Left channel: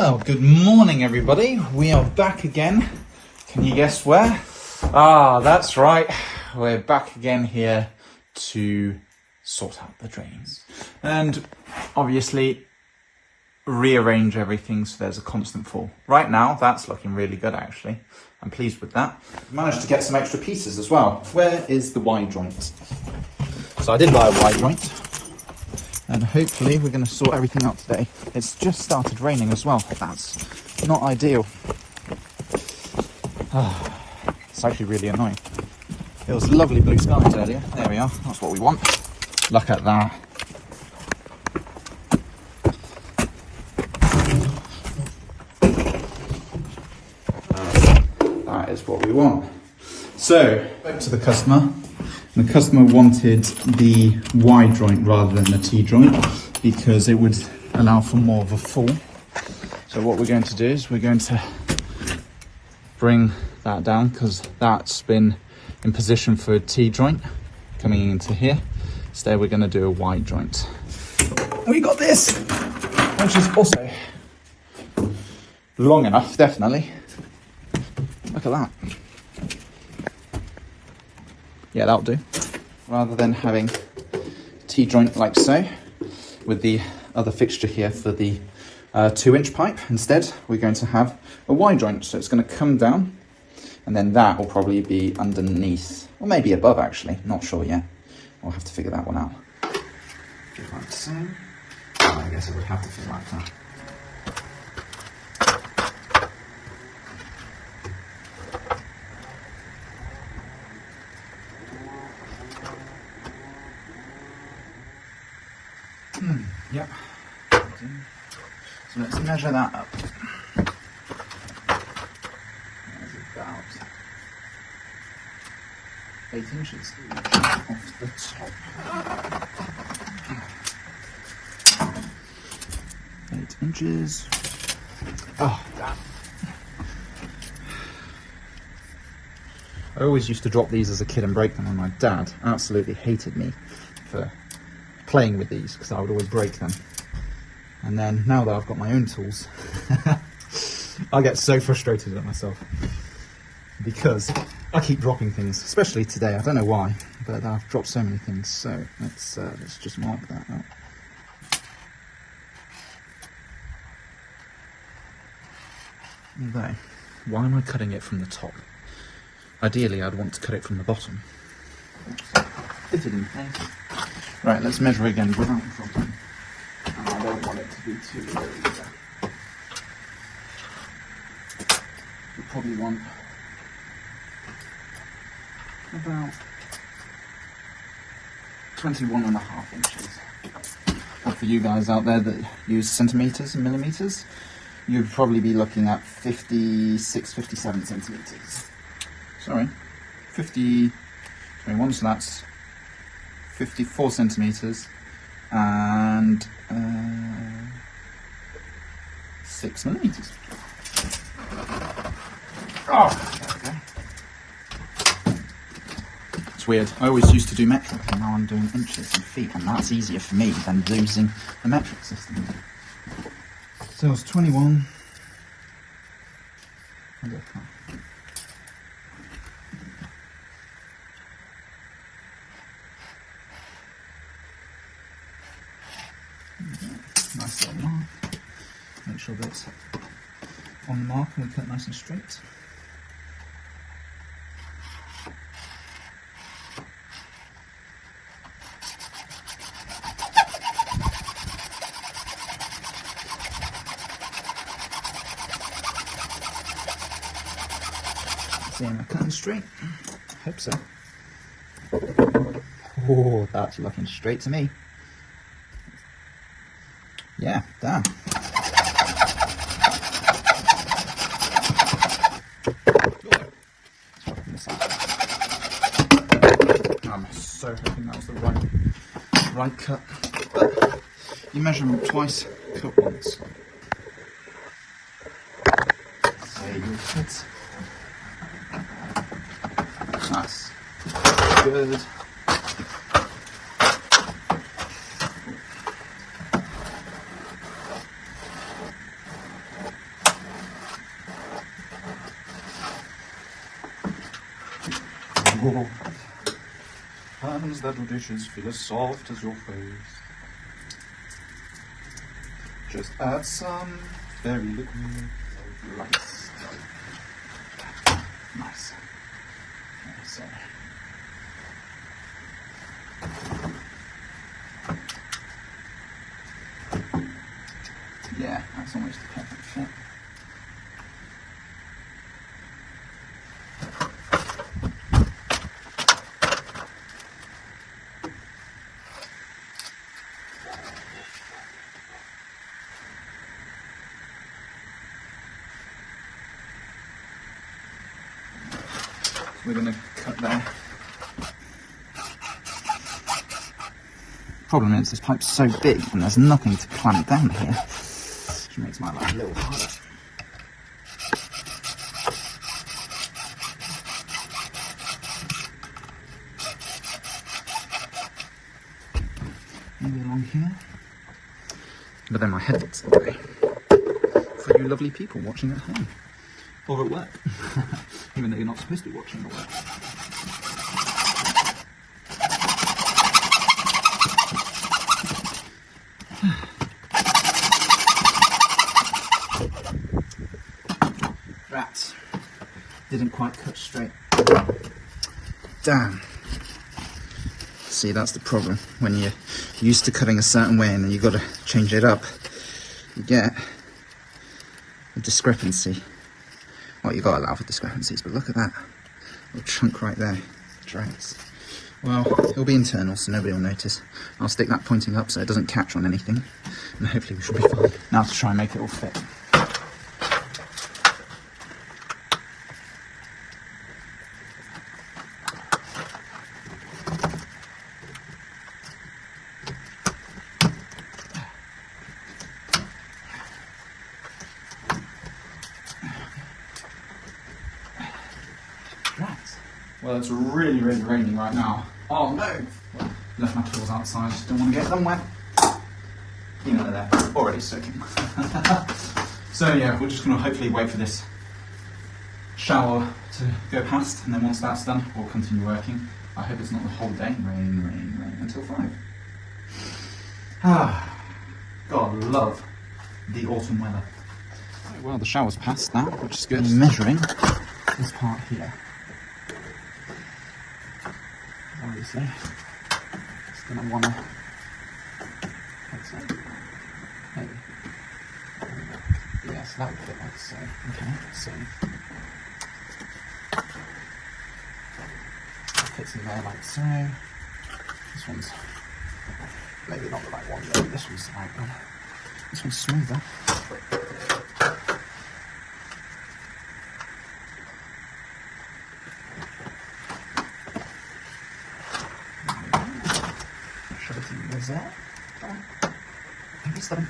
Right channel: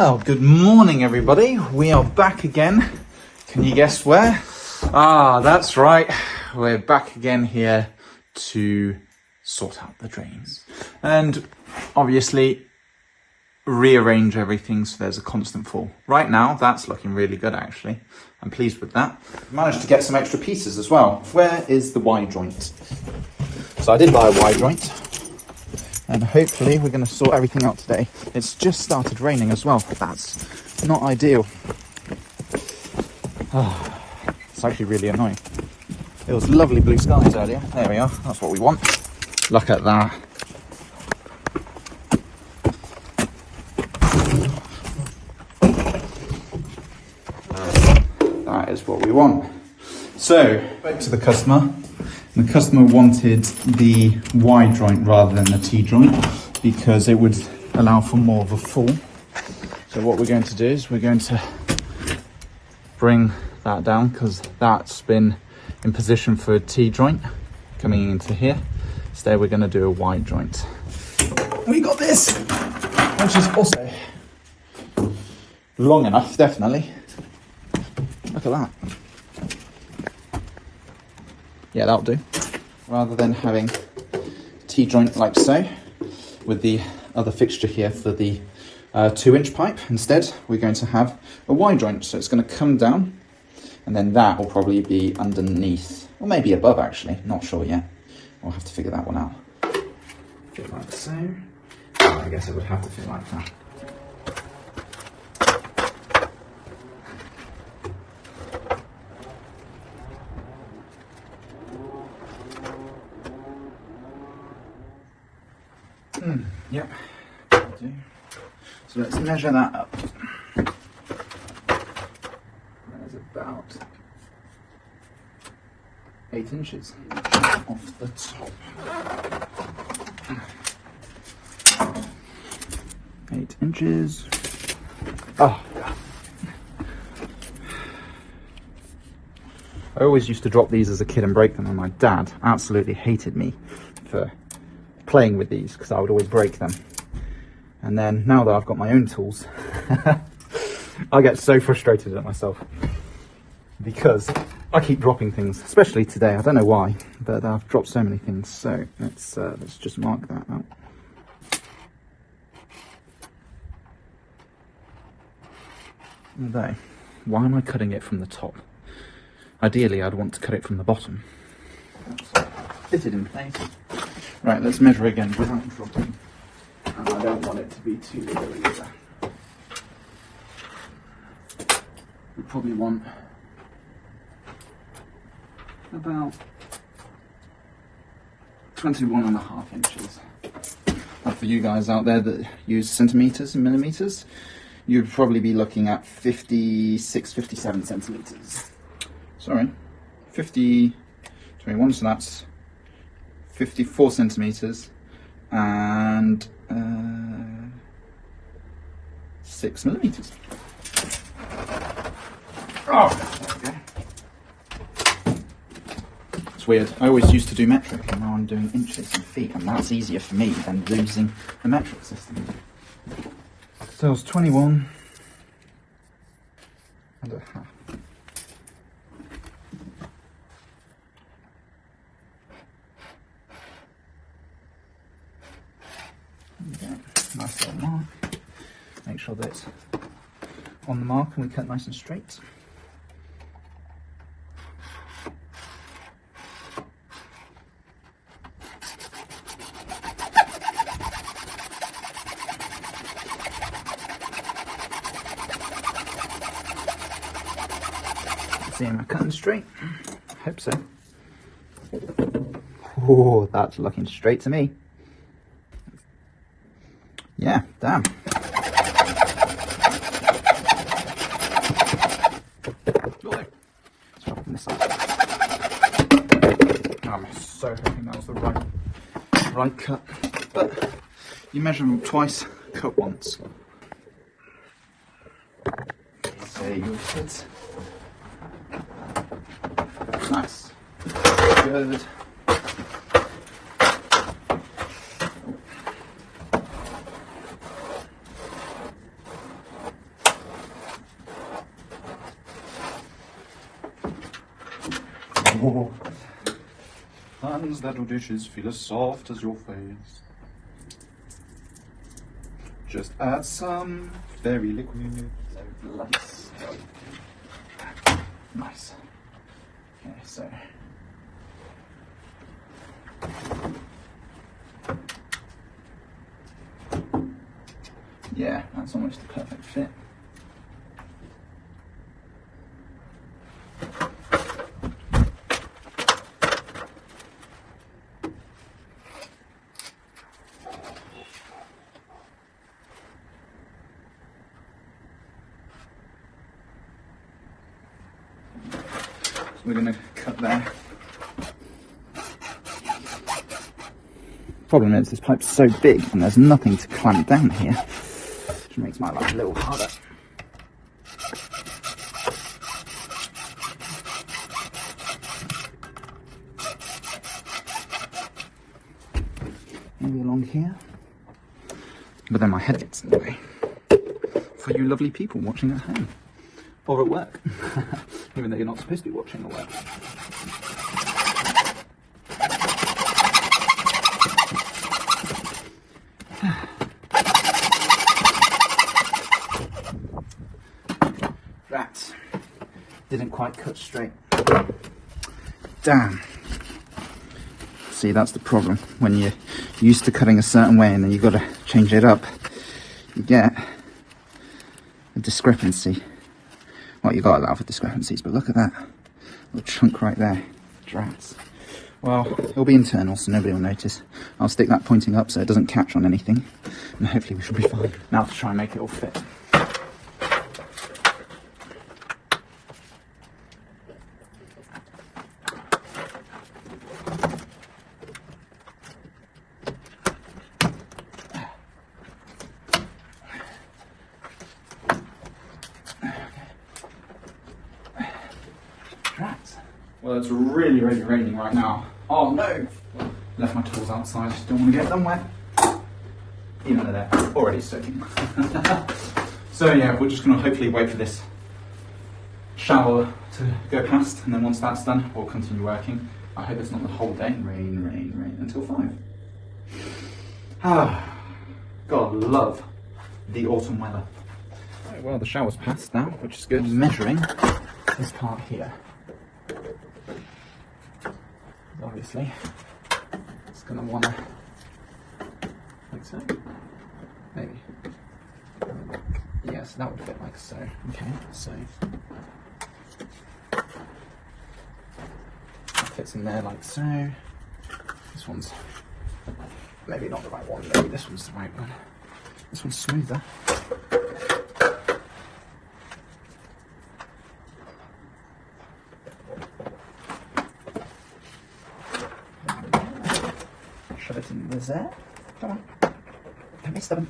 Well, good morning everybody. We are back again. Can you guess where? Ah, that's right. We're back again here to sort out the drains. And obviously rearrange everything so there's a constant flow. Right now, that's looking really good actually. I'm pleased with that. Managed to get some extra pieces as well. Where is the Y joint? So I did buy a Y joint. And hopefully we're going to sort everything out today. It's just started raining as well. That's not ideal. Oh, it's actually really annoying. It was lovely blue skies earlier. There we are. That's what we want. Look at that. That is what we want. So, back to the customer. The customer wanted the Y joint rather than the T joint because it would allow for more of a fall. So what we're going to do is we're going to bring that down because that's been in position for a T joint coming into here. Instead we're going to do a Y joint. We got this, which is also long enough, definitely. Look at that. Yeah, that'll do. Rather than having a T-joint like so, with the other fixture here for the 2-inch pipe, instead we're going to have a Y-joint. So it's going to come down, and then that will probably be underneath, or maybe above actually, not sure yet. I'll have to figure that one out. Fit like so. I guess it would have to fit like that. Yep. So let's measure that up. There's about 8 inches off the top. 8 inches. Oh, God. I always used to drop these as a kid and break them, and my dad absolutely hated me for playing with these because I would always break them. And then now that I've got my own tools, I get so frustrated at myself because I keep dropping things, especially today. I don't know why, but I've dropped so many things. So let's just mark that out. There. Why am I cutting it from the top? Ideally, I'd want to cut it from the bottom. Fitted in place. Right, let's measure again without dropping. I don't want it to be too low either. We probably want about 21.5 inches. And for you guys out there that use centimetres and millimetres, you'd probably be looking at 56, 57 centimetres. Sorry, 21, so that's 54 centimetres and 6 millimetres. Oh, okay. It's weird. I always used to do metric, and now I'm doing inches and feet, and that's easier for me than using the metric system. So it's 21 and a half. Nice little mark. Make sure that it's on the mark and we cut nice and straight. See, am I cutting straight? I hope so. Oh, that's looking straight to me. Yeah, damn. I'm so hoping that was the right cut. You measure them twice, cut once. There you go. That's good. Oh. Hands that do dishes feel as soft as your face. Just add some fairy liquid. Nice. Nice. Okay, so. Yeah, that's almost a perfect fit. We're going to cut there. Problem is, this pipe's so big and there's nothing to clamp down here, which makes my life a little harder. Maybe along here, but then my head gets in the way for you lovely people watching at home. Or at work, even though you're not supposed to be watching at work. That didn't quite cut straight. Damn. See, that's the problem. When you're used to cutting a certain way and then you've got to change it up, you get a discrepancy. Well, you've got to allow for discrepancies, but look at that little chunk right there. Drats. Well, it'll be internal, so nobody will notice. I'll stick that pointing up so it doesn't catch on anything, and hopefully we should be fine. Now to try and make it all fit. Well, it's really, really raining right now. Oh no! Left my tools outside, don't want to get them wet. Even though they're already soaking. So yeah, we're just going to hopefully wait for this shower to go past, and then once that's done, we'll continue working. I hope it's not the whole day. Rain until 5. Ah, God love the autumn weather. Right, well, the shower's passed now, which is good. I'm measuring this part here. Obviously, it's going to want to fix it. Maybe. Yeah, so that would fit like so. Okay, so that fits in there like so. This one's maybe not the right one, maybe this one's the right one. This one's smoother. Is that? I missed them.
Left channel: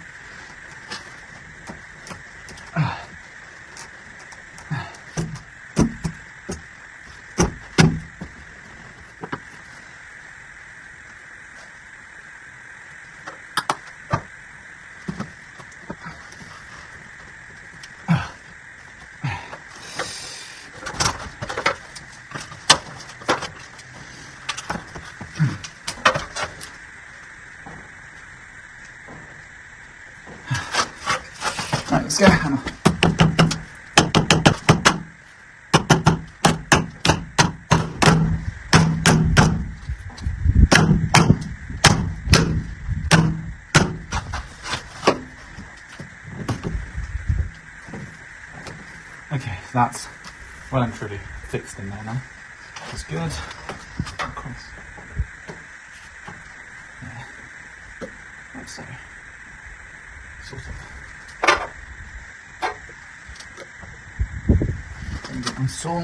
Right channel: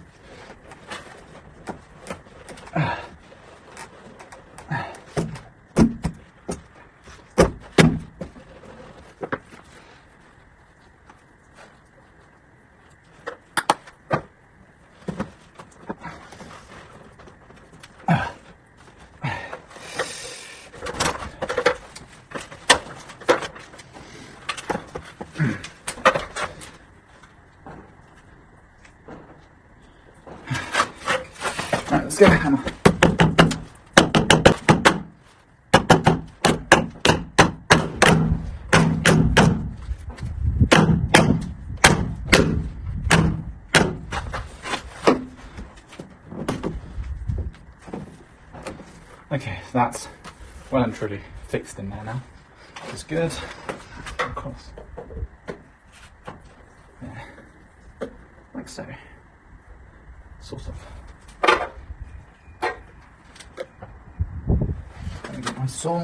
Let's get a hammer. Okay, that's well and truly fixed in there now. It's good. Of course. There. Like so. Sort of. Get my saw.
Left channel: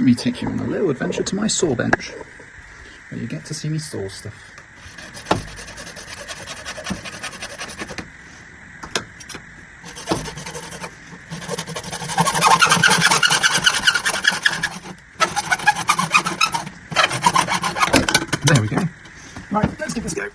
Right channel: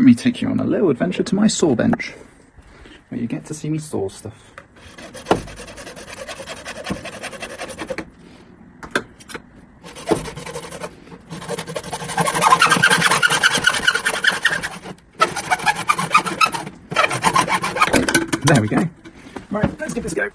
let me take you on a little adventure to my saw bench, where you get to see me saw stuff. There we go. Right, let's give this a go.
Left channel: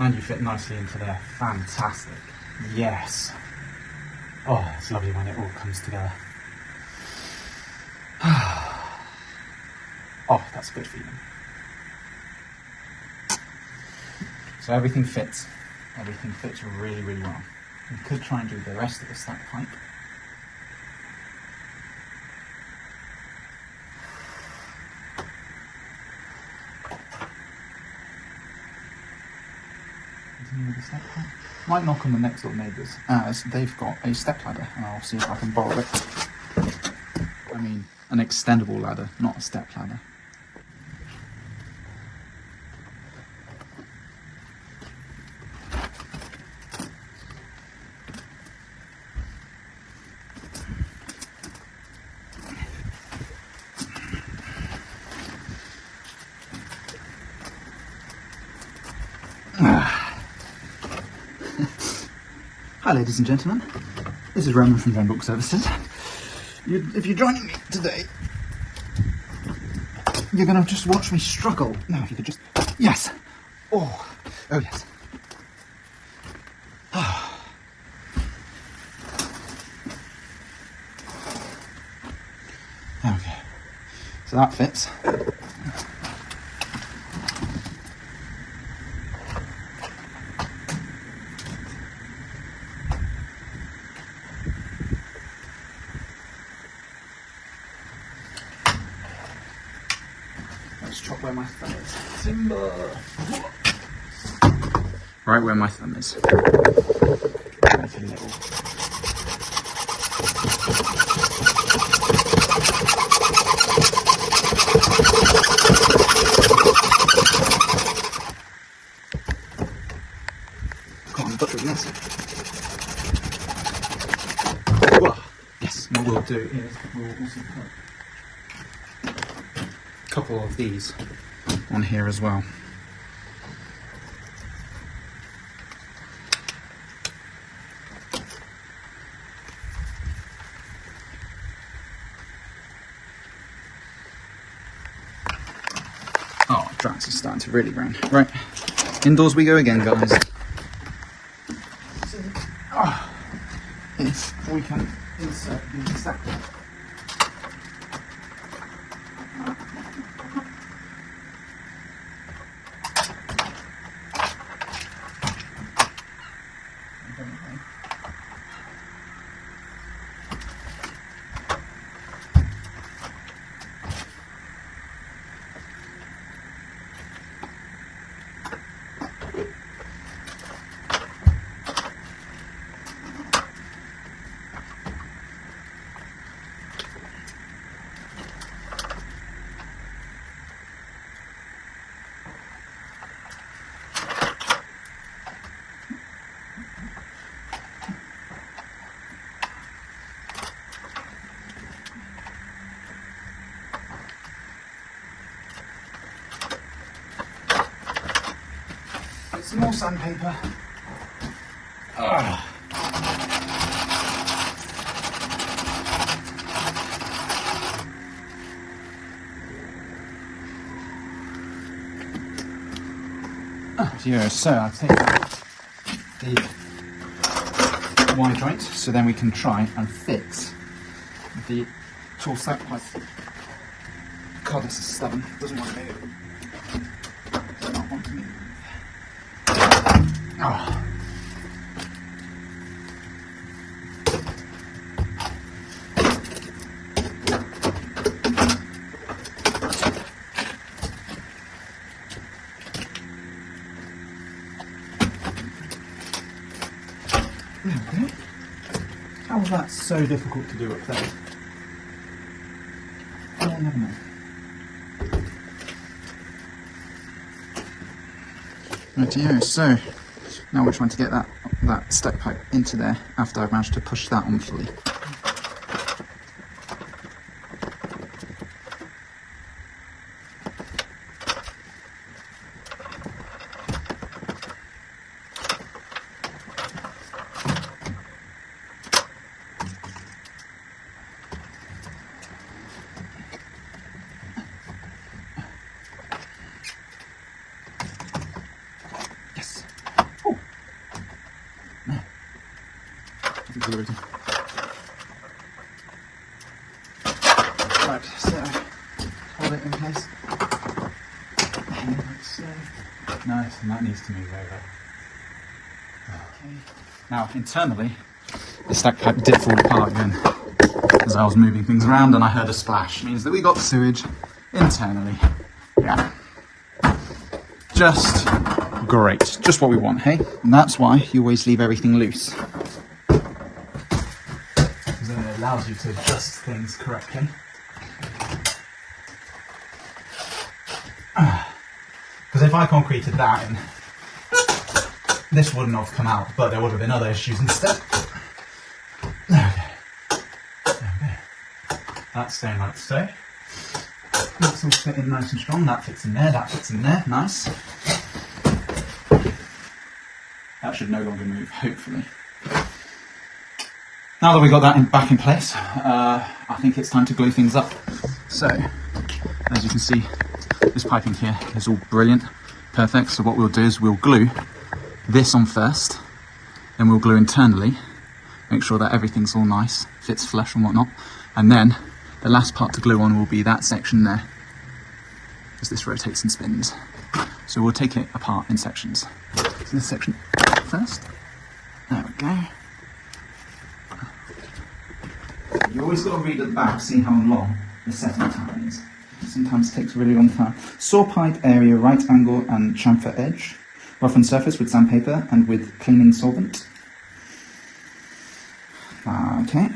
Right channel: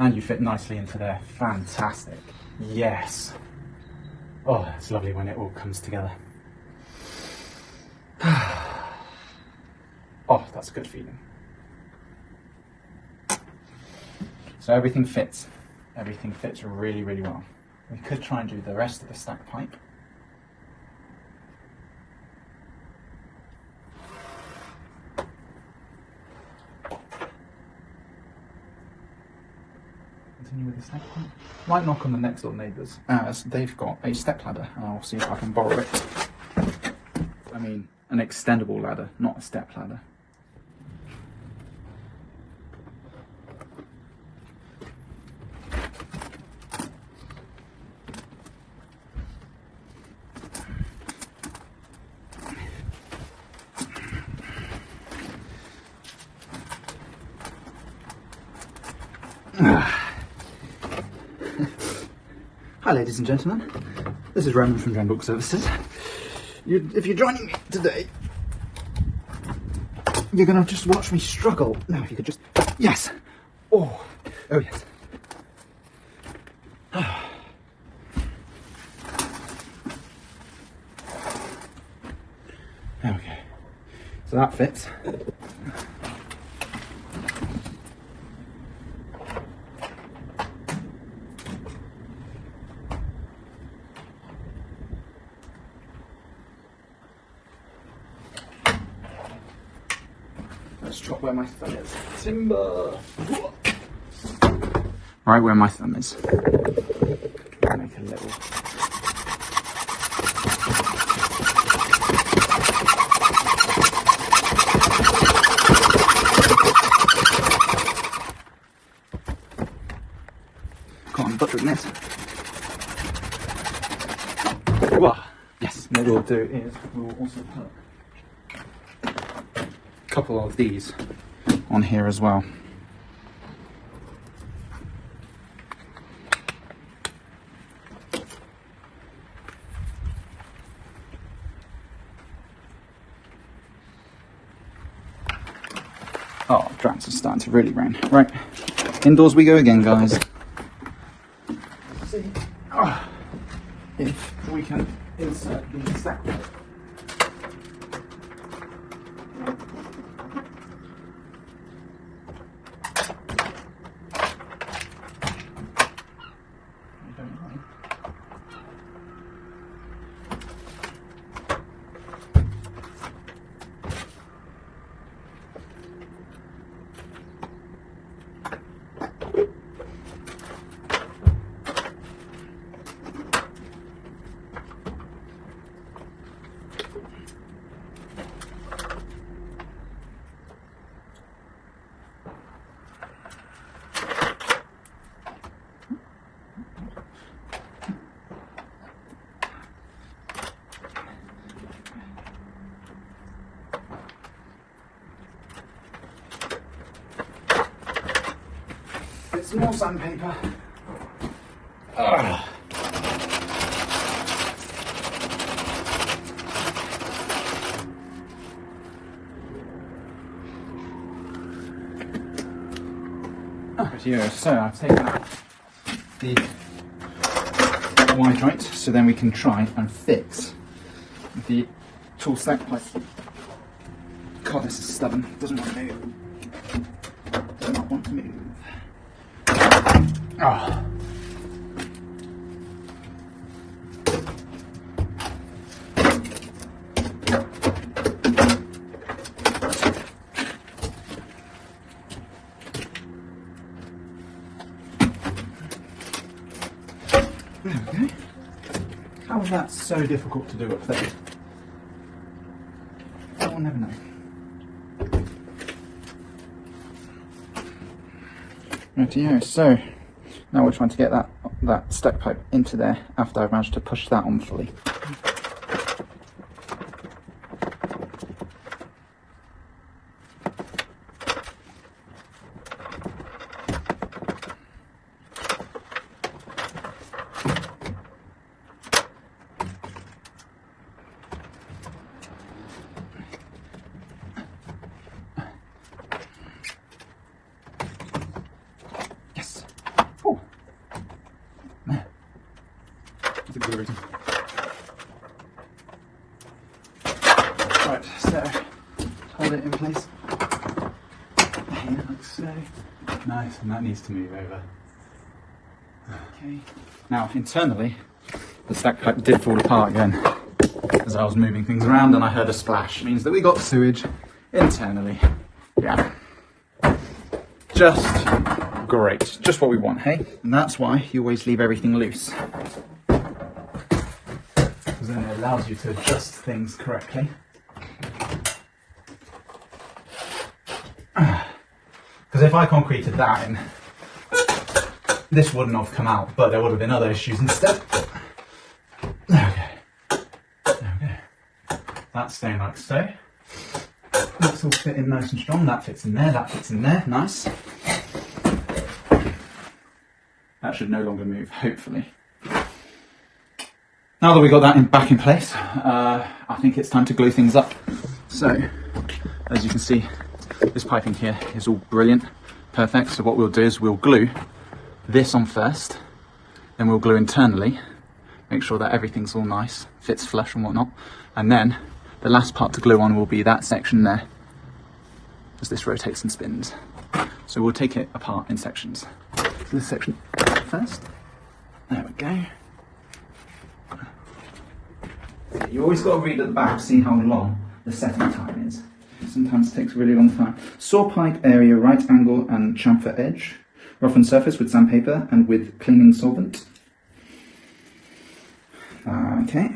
And you fit nicely into there. Fantastic. Yes. Oh, it's lovely when it all comes together. Oh, that's a good feeling. So everything fits. Everything fits really, really well. We could try and do the rest of the stack pipe. With the stack pipe. Might knock on the next door neighbours, as they've got a step ladder, and I'll see if I can borrow it. I mean, an extendable ladder, not a step ladder. Hi ladies and gentlemen, this is Roman from DrainBlock Services. If you're joining me today, you're going to just watch me struggle. Now if you could just, yes, oh yes. Oh. Okay, so that fits. Let's chop where my thumb is. Timber! Right where my thumb is. Make a little. Can't butcher this. Whoa. Yes, what we'll do is we'll also put couple of these on here as well. Oh, drats are starting to really run. Right, indoors we go again, guys. Oh, if we can insert the stack pipe. Some more sandpaper. Yeah, so I'll take out the wide joint so then we can try and fix the tool stack pipe. God, this is stubborn. Doesn't want to move. Does not want to move. Oh. Okay. How was that so difficult to do at first? Oh, never mind. Rightio, so now we're trying to get that stack pipe into there after I've managed to push that on fully. Right, so hold it in place. Like so. Nice, and that needs to move over. Okay. Now, internally, the stack pipe did fall apart again as I was moving things around, and I heard a splash. It means that we got sewage internally. Yeah. Just great. Just what we want, hey? And that's why you always leave everything loose. Because then it allows you to adjust things correctly. Because if I concreted that in, this wouldn't have come out, but there would have been other issues instead. Okay. That's staying like so. That's all fitting nice and strong. That fits in there, that fits in there. Nice. That should no longer move, hopefully. Now that we've got that back in place, I think it's time to glue things up. So, as you can see, this piping here is all brilliant, perfect. So what we'll do is we'll glue this on first, then we'll glue internally, make sure that everything's all nice, fits flush and whatnot. And then the last part to glue on will be that section there, as this rotates and spins. So we'll take it apart in sections. So this section first. There we go. You always got to read at the back to see how long the setting time is. Sometimes it takes a really long time. Saw pipe area, right angle and chamfer edge. Roughen surface with sandpaper and with cleaning solvent. Okay.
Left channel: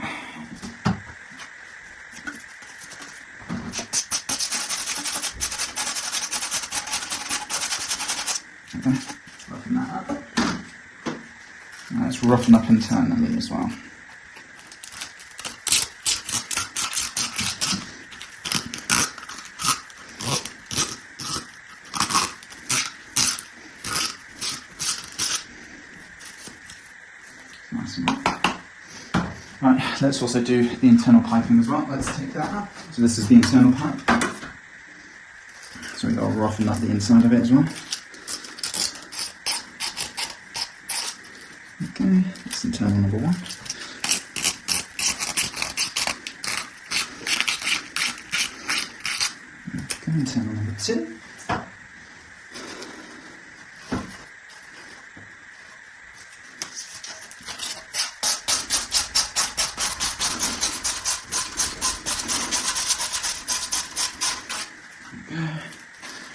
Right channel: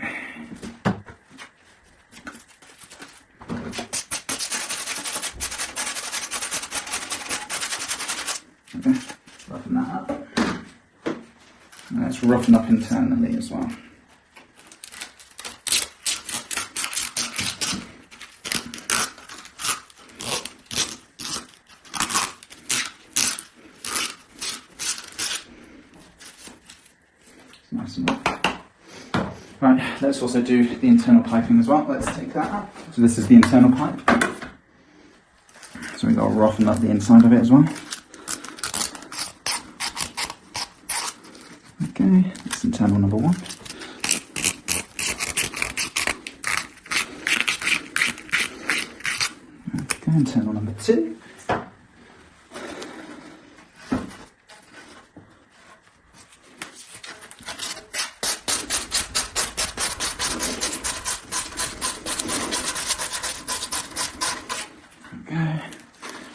Roughen that up. Now let's roughen up internally as well. Nice and rough. Right, let's also do the internal piping as well. Let's take that out. So this is the internal pipe. So we've got to roughen up the inside of it as well. Okay, that's internal number one. Okay, internal number two.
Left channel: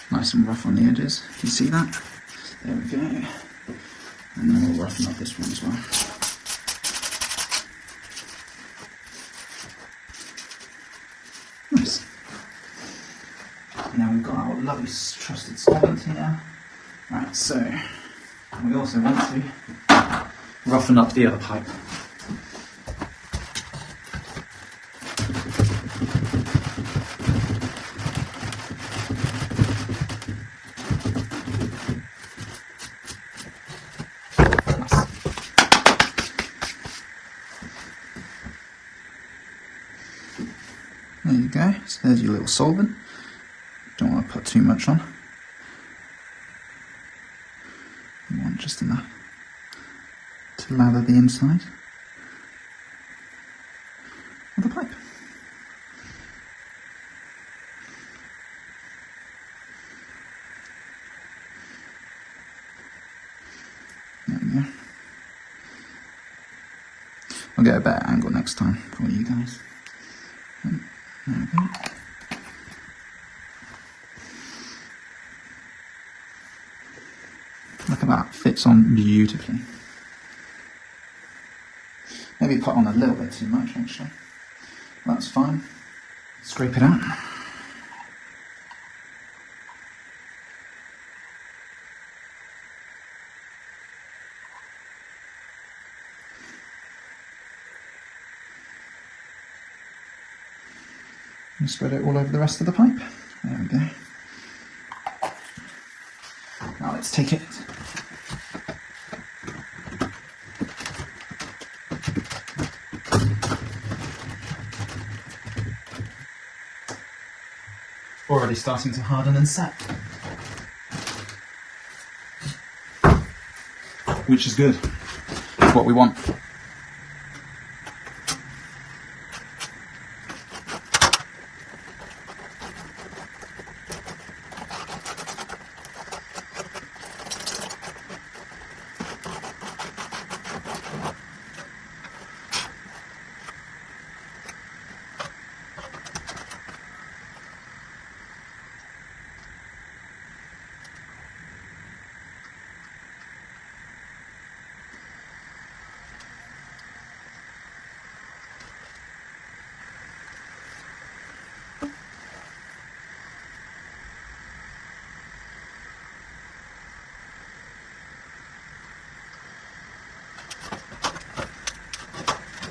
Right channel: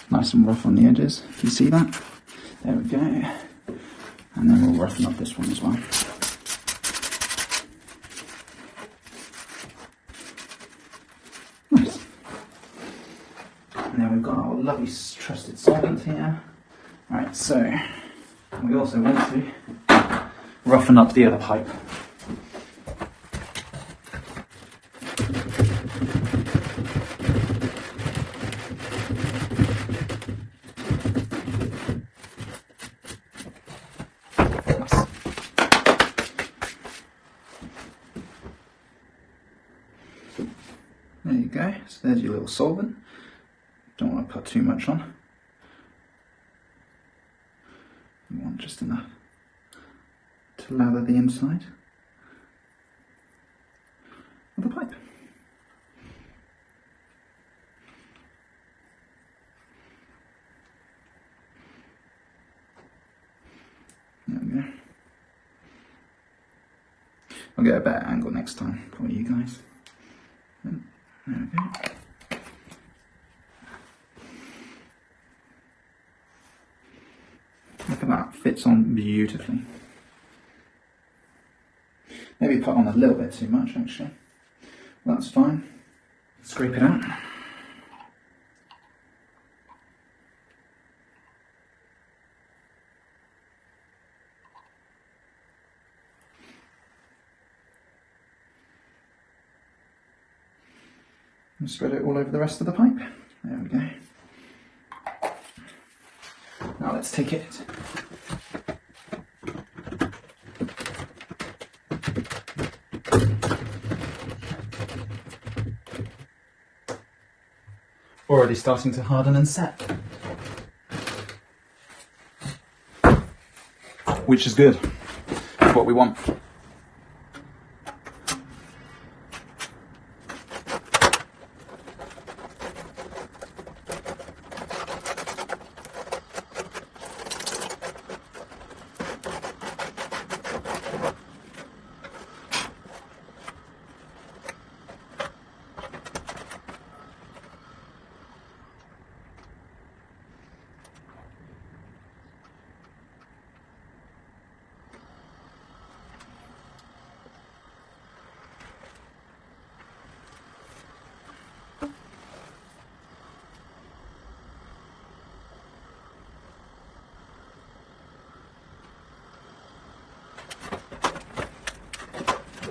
Nice and rough on the edges, can you see that? There we go. And then we'll roughen up this one as well. Nice. And then we've got our lovely trusted solvent here. Right, so we also want to roughen up the other pipe. There you go, so there's your little solvent. Don't want to put too much on. You want just enough to lather the inside of the pipe. There we go. I'll get a better angle next time for you guys. There we go. Look at that, fits on beautifully. Maybe put on a little bit too much actually. That's fine. Scrape it out. There. and spread it all over the rest of the pipe. There we go. Now let's take it. Already starting to harden and set. Which is good. It's what we want.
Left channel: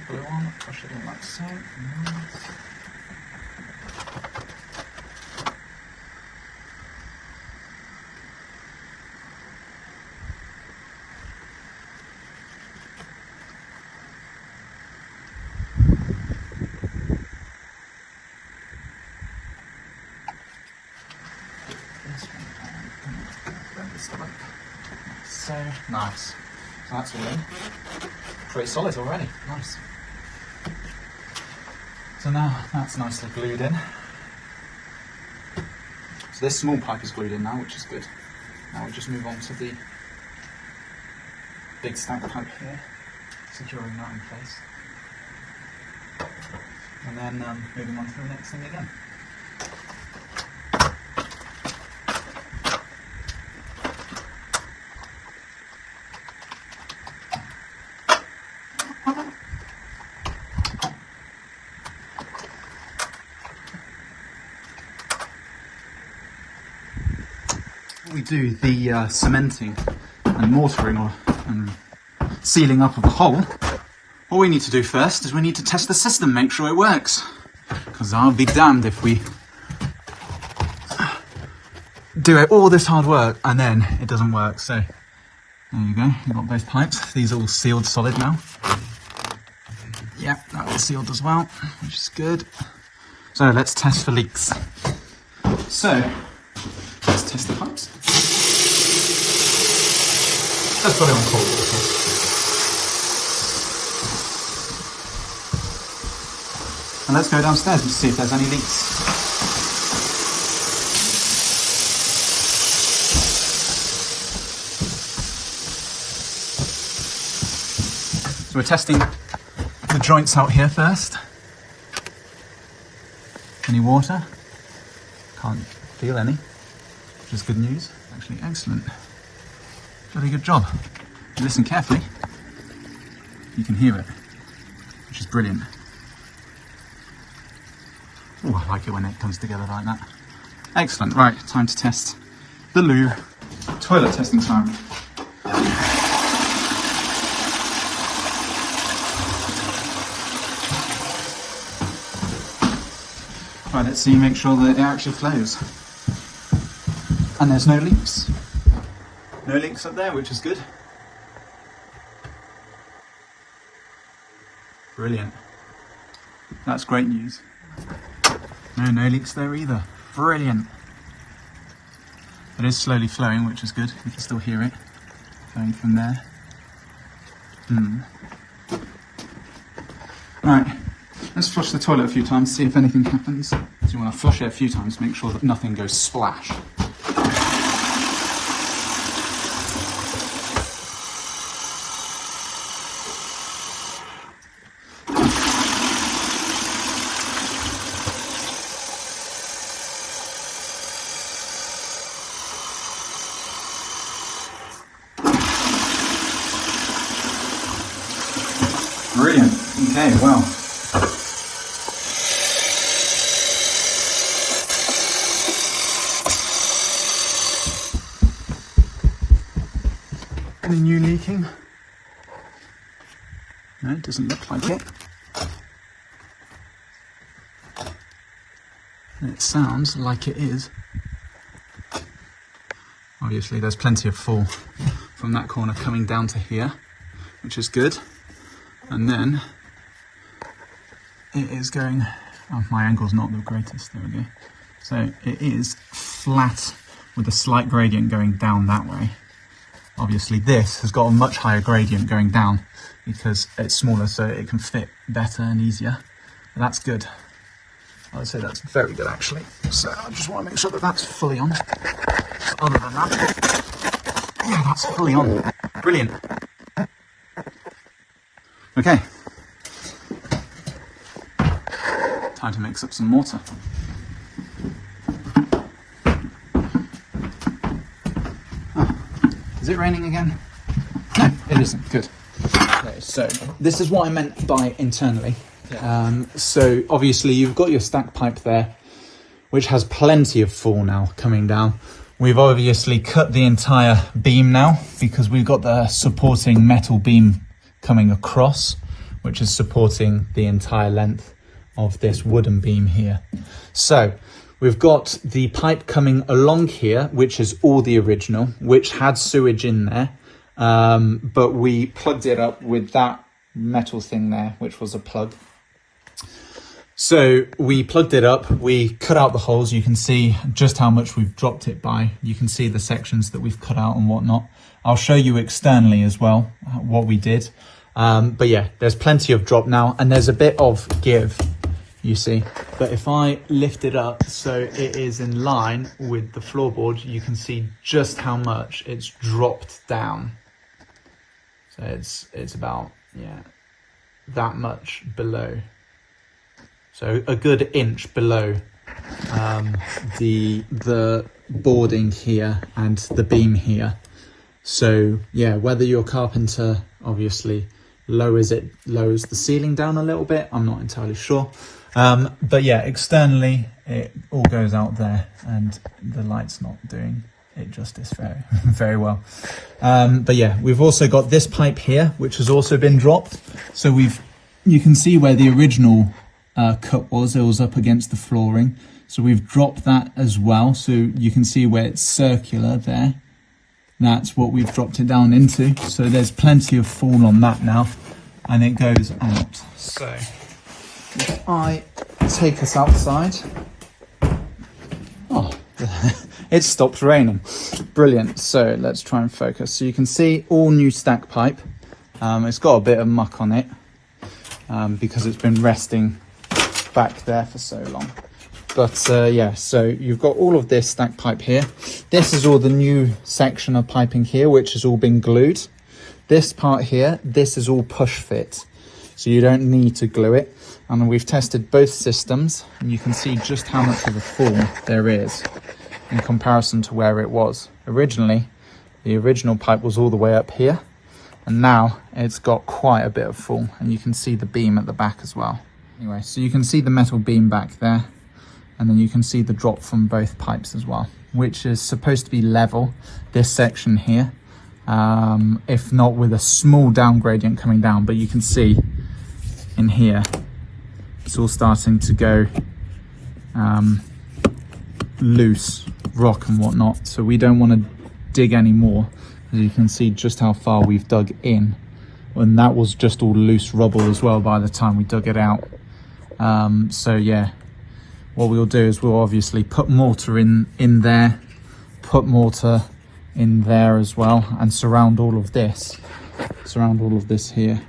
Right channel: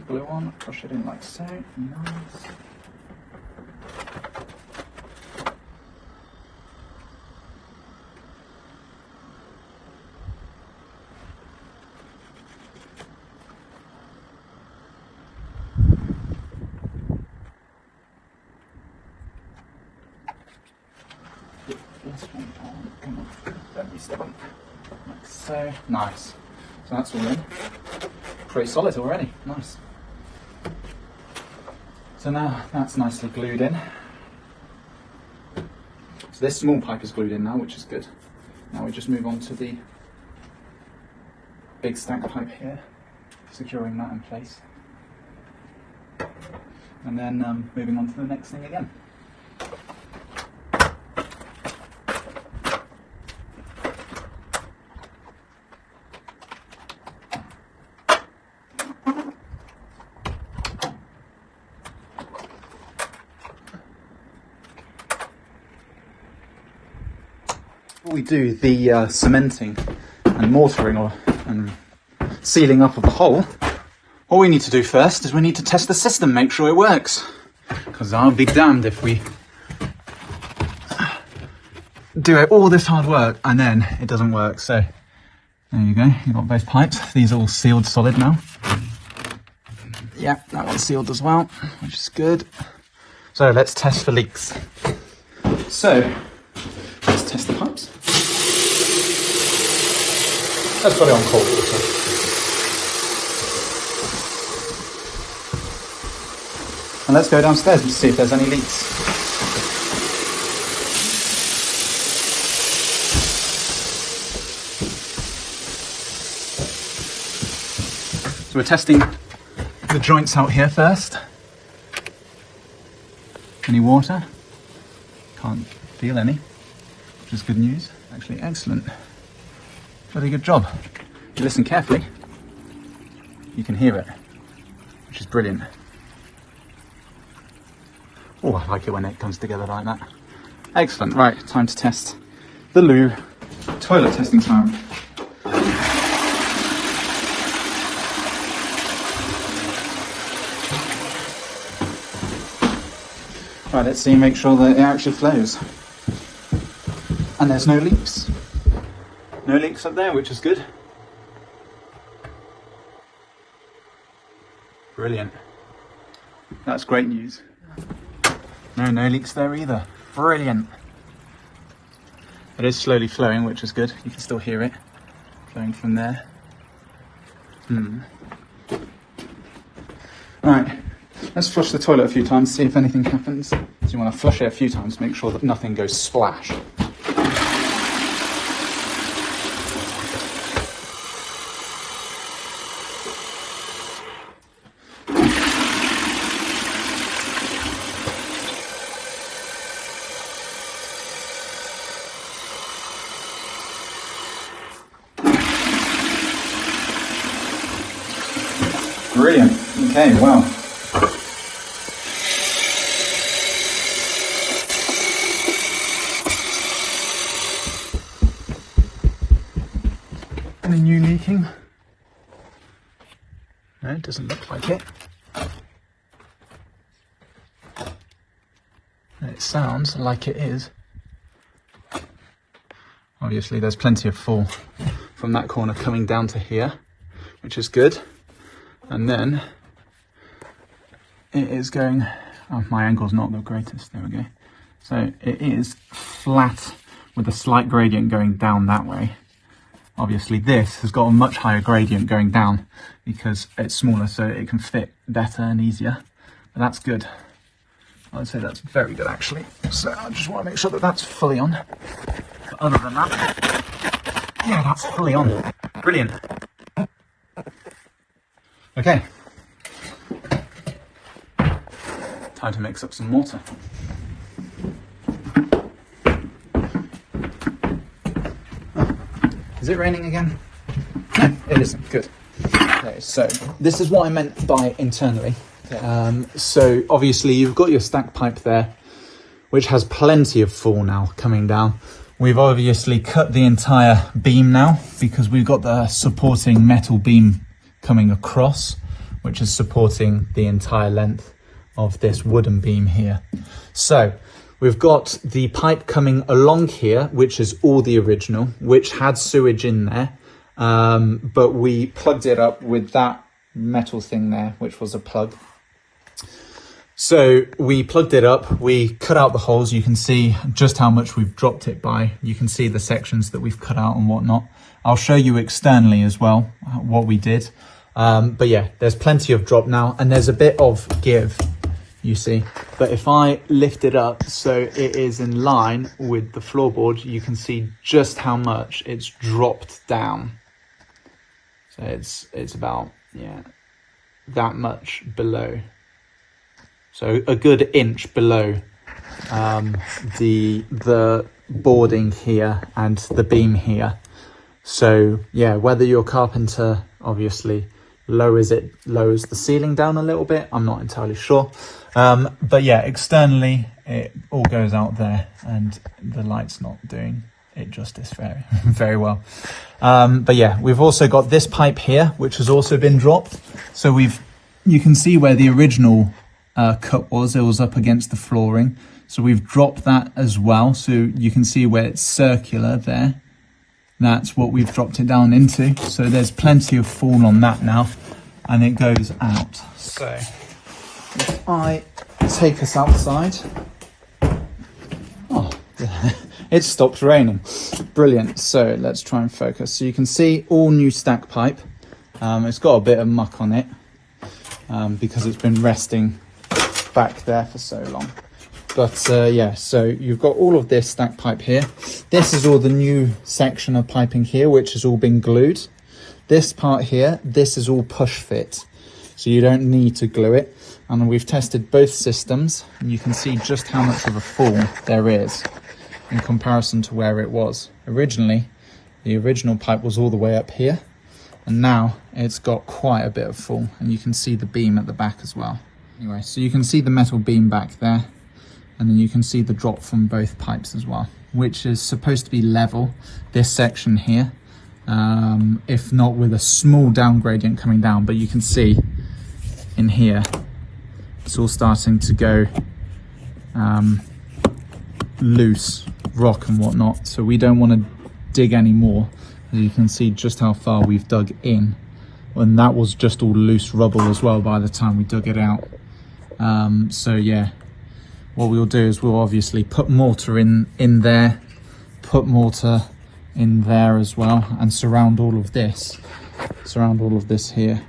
Blue one, push it in like so, nice. Get this one down, bend this up, like so, nice. So that's all in. Pretty solid already, nice. So now that's nicely glued in. So this small pipe is glued in now, which is good. Now we just move on to the big stack pipe here, securing that in place. And then moving on to the next thing again. We do the cementing and mortaring and sealing up of the hole. All we need to do first is we need to test the system, make sure it works. Because I'll be damned if we do all this hard work and then it doesn't work. So there you go, you've got both pipes. These are all sealed solid now. Yeah, that one's sealed as well, which is good. So let's test for leaks. So let's test the pipes. Let's put it on cold water. And let's go downstairs and see if there's any leaks. So we're testing the joints out here first. Any water? Can't feel any, which is good news. Actually, excellent. Very good job. If you listen carefully, you can hear it, which is brilliant. Oh, I like it when it comes together like that. Excellent. Right, time to test the loo. Toilet testing time. Right, let's see, make sure that it actually flows. And there's no leaks. No leaks up there, which is good. Brilliant. That's great news. No leaks there either. Brilliant. It is slowly flowing, which is good. You can still hear it flowing from there. Right, let's flush the toilet a few times, see if anything happens. So you want to flush it a few times, make sure that nothing goes splash. Brilliant. Okay, wow. Any new leaking? No, it doesn't look like it. It sounds like it is. Obviously there's plenty of fall from that corner coming down to here, which is good. And then it is going, oh, my angle's not the greatest, there we go. So it is flat with a slight gradient going down that way. Obviously this has got a much higher gradient going down because it's smaller, so it can fit better and easier. But that's good. I would say that's very good actually. So I just want to make sure that that's fully on. But other than that, yeah, that's fully on. Brilliant. Okay. Time to mix up some mortar. Oh, is it raining again? No, it isn't. Good. Okay, so this is what I meant by internally. Okay. So obviously you've got your stack pipe there, which has plenty of fall now coming down. We've obviously cut the entire beam now because we've got the supporting metal beam coming across, which is supporting the entire length of this wooden beam here. So we've got the pipe coming along here, which is all the original, which had sewage in there, but we plugged it up with that metal thing there, which was a plug. So we plugged it up, we cut out the holes. You can see just how much we've dropped it by. You can see the sections that we've cut out and whatnot. I'll show you externally as well what we did. But yeah, there's plenty of drop now and there's a bit of give, you see. But if I lift it up so it is in line with the floorboard, you can see just how much it's dropped down. So it's about, yeah, that much below. So a good inch below the boarding here and the beam here. So yeah, whether your carpenter obviously lowers the ceiling down a little bit, I'm not entirely sure. But yeah, externally it all goes out there and the light's not doing it justice very well. But yeah, we've also got this pipe here, which has also been dropped. So you can see where the original cut was. It was up against the flooring, so we've dropped that as well. So you can see where it's circular there. That's what we've dropped it down into. So there's plenty of fall on that now, and it goes out. So if I take us outside, oh, it stopped raining. Brilliant. So let's try and focus. So you can see all new stack pipe. It's got a bit of muck on it because it's been resting back there for so long. But yeah, so you've got all of this stack pipe here. This is all the new section of piping here, which has all been glued. This part here, this is all push fit, so you don't need to glue it. And we've tested both systems, and you can see just how much of a fall there is in comparison to where it was. Originally, the original pipe was all the way up here, and now it's got quite a bit of fall, and you can see the beam at the back as well. Anyway, so you can see the metal beam back there, and then you can see the drop from both pipes as well, which is supposed to be level, this section here, if not with a small down gradient coming down. But you can see in here, it's all starting to go loose, rock and whatnot. So we don't want to dig any more. As you can see just how far we've dug in. And that was just all loose rubble as well by the time we dug it out. So yeah, what we'll do is we'll obviously put mortar in there, put mortar in there as well, and surround all of this here.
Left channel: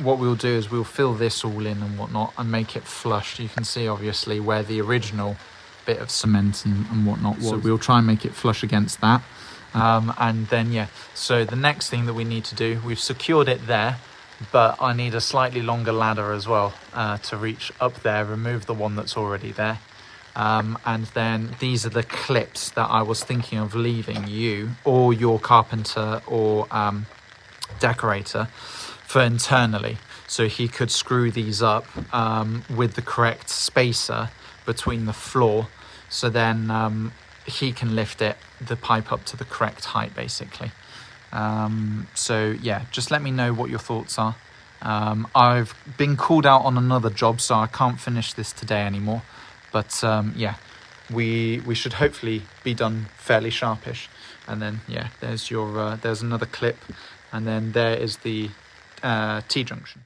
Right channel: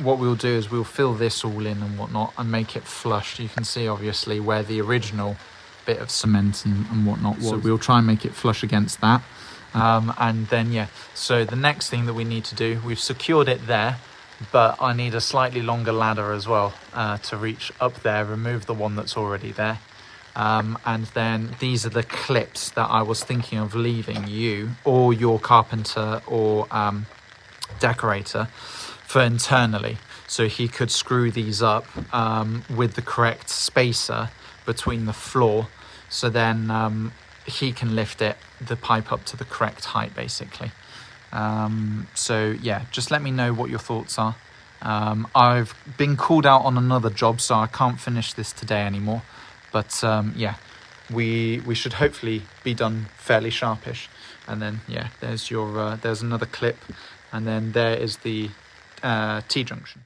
What we'll do is we'll fill this all in and whatnot and make it flush. You can see obviously where the original bit of cement and whatnot was. So we'll try and make it flush against that. And then yeah, so the next thing that we need to do, we've secured it there, but I need a slightly longer ladder as well to reach up there, remove the one that's already there. And then these are the clips that I was thinking of leaving you or your carpenter or decorator for internally, so he could screw these up with the correct spacer between the floor, so then he can lift the pipe up to the correct height basically. So yeah, just let me know what your thoughts are. I've been called out on another job, so I can't finish this today anymore, But yeah, we should hopefully be done fairly sharpish. And then yeah, there's your there's another clip, and then there is the T junction.